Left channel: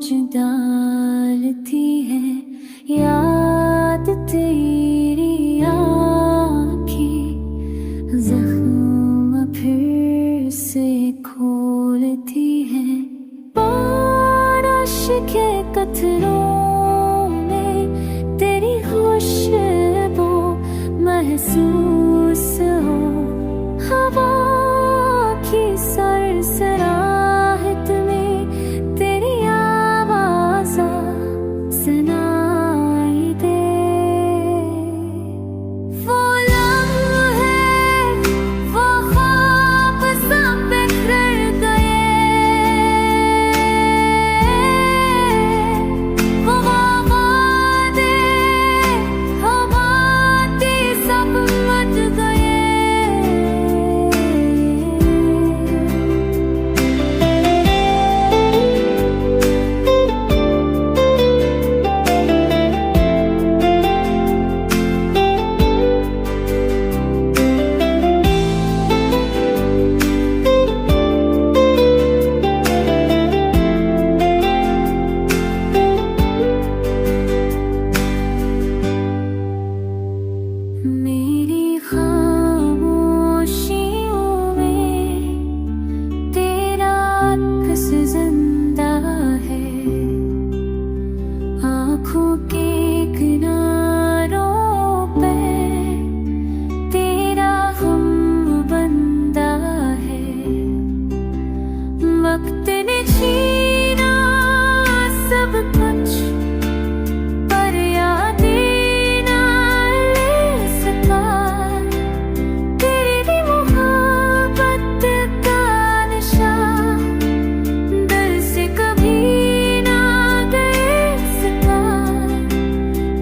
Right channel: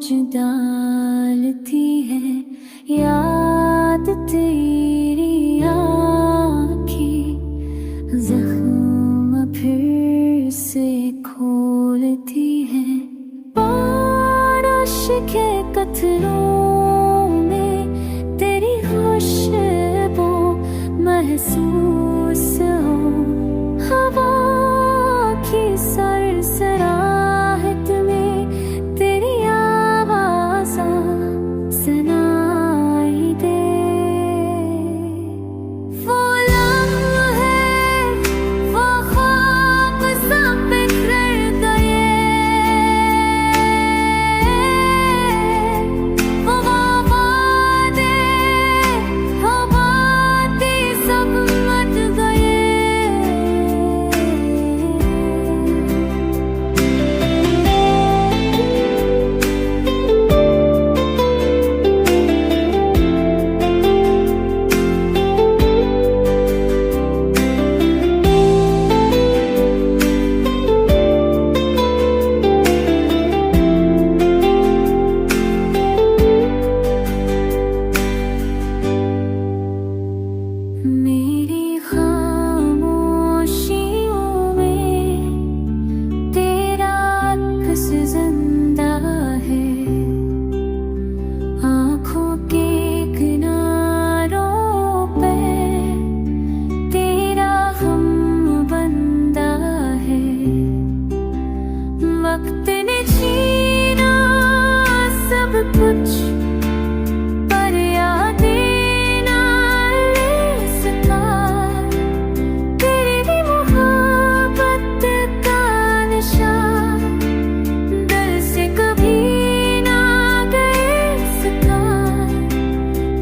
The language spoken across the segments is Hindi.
सोच डालती है याद तेरी आँखें, जख्म फिर से खोलती है। बारिश के कतरों में तेरी खुशबू महसूस हो, हवा की सरसराहट में तेरी आवाज़ सुनाई दे। वो लम्हे, वो ख्वाब सब बिखर गए, वो वादे हो बातें सब मट गए। मेरी खामोशियों में तेरा अक्स जिंदा है, आँखों के किनारों पे तेरा हम बंदा है। वक्त ने छीना सब कुछ पर यादें तेरी मोहब्बत का नशा दिल से कभी ना गए सका।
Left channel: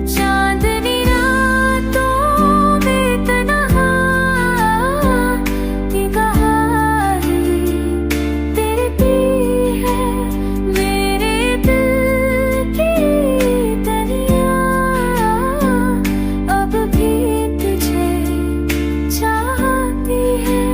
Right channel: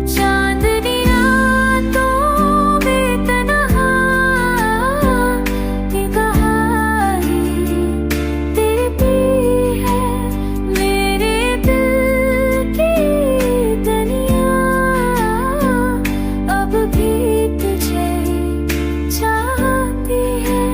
चांदनी रातों में तन्हा निगाहें तेरी है, मेरे दिल की दुनिया अब भी तुझे चाहती है।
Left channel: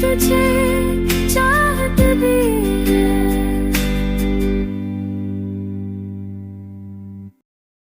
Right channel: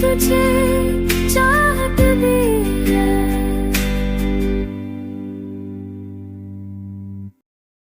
तुझे चाहत भी